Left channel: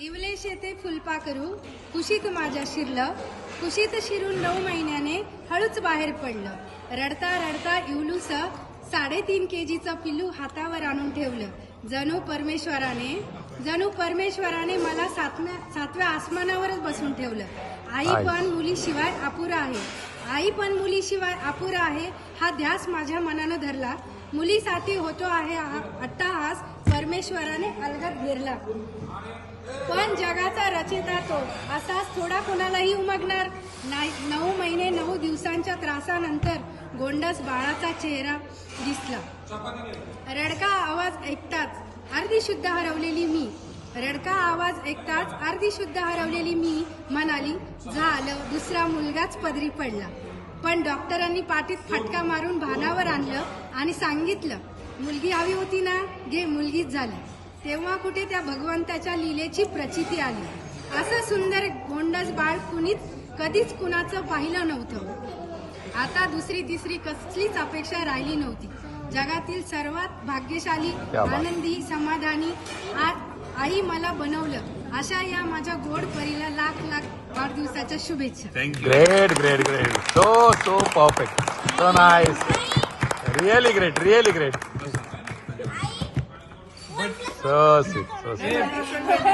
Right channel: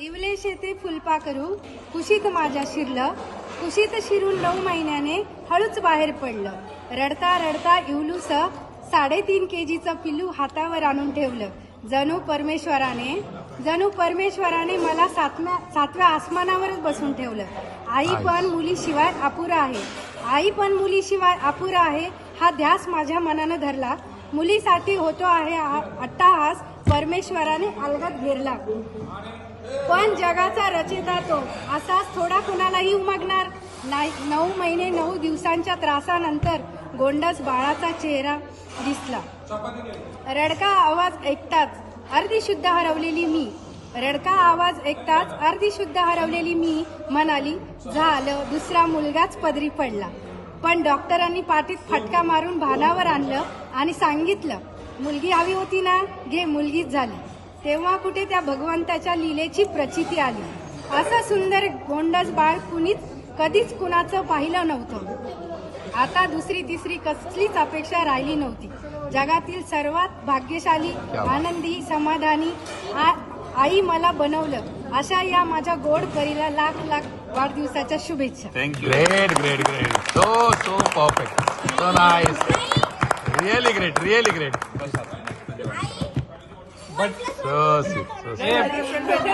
इवले शेते फुलपा करू कुशीत माझ्या शिरलं. कुशीत शिरून नऊ महिन्याने हळूच बाहेर पडलं. रडता रडता इवलूस साडेतीन केजीचं पिल्लू हातावर आणून ठेवलं. जणू परमेश्वराने जणू परमेश्वराने मला सातव्या सातव्या आसमानावरच बसून ठेवलं. आई पण मुलीशिवाय अपुरा आहे. आई पण मुलीशिवाय अपुरा आहे हा ध्यास माझ्या मनानं धरला. मुलीसाठी होतो आहे अट्टाहास परमेश्वराने अलगात घेरला. पण जगाचा रचिता तो. असाच थोडा कुणालाही उमगणार? नाही नऊ महिने नऊ दिवसांच्या त्रासानंतर गोंडस बाळाचा चेहरा दिसला. रडका आवाज ऐकताच अर्धी शुद्ध हरवलेली मी. रडका आवाज ऐकताच अर्धी शुद्ध हरवलेली मी म्हणाली झालं दुसरा मुलगाच पदरी पडला. पण डॉक्टरांनी पाठीत फटका मारून भानावर आणलं आणि सांगितलं मुलगी हवी होती ना घे मुलगीच झाली. तेव्हा कुठे त्या भगवंताच्या लीलेची प्रचिती आली. असं सुंदर गोंडस बाळ कुणीच कधीच कुणाचं पाहिलं नव्हतं. आता दुसरी तिसरी कसलीच अपेक्षा राहिली नव्हती. जगातील सर्वात भाग्यशाली आनंदी समाधानी आ- आई मला बनवलं. अशा या माझ्या गोड परीला लाख लाख वाढदिवसाच्या शुभेच्छा. Thank you Great, great, great. So, so perfect. So nice. Really great, really great. So sweet. So sweet.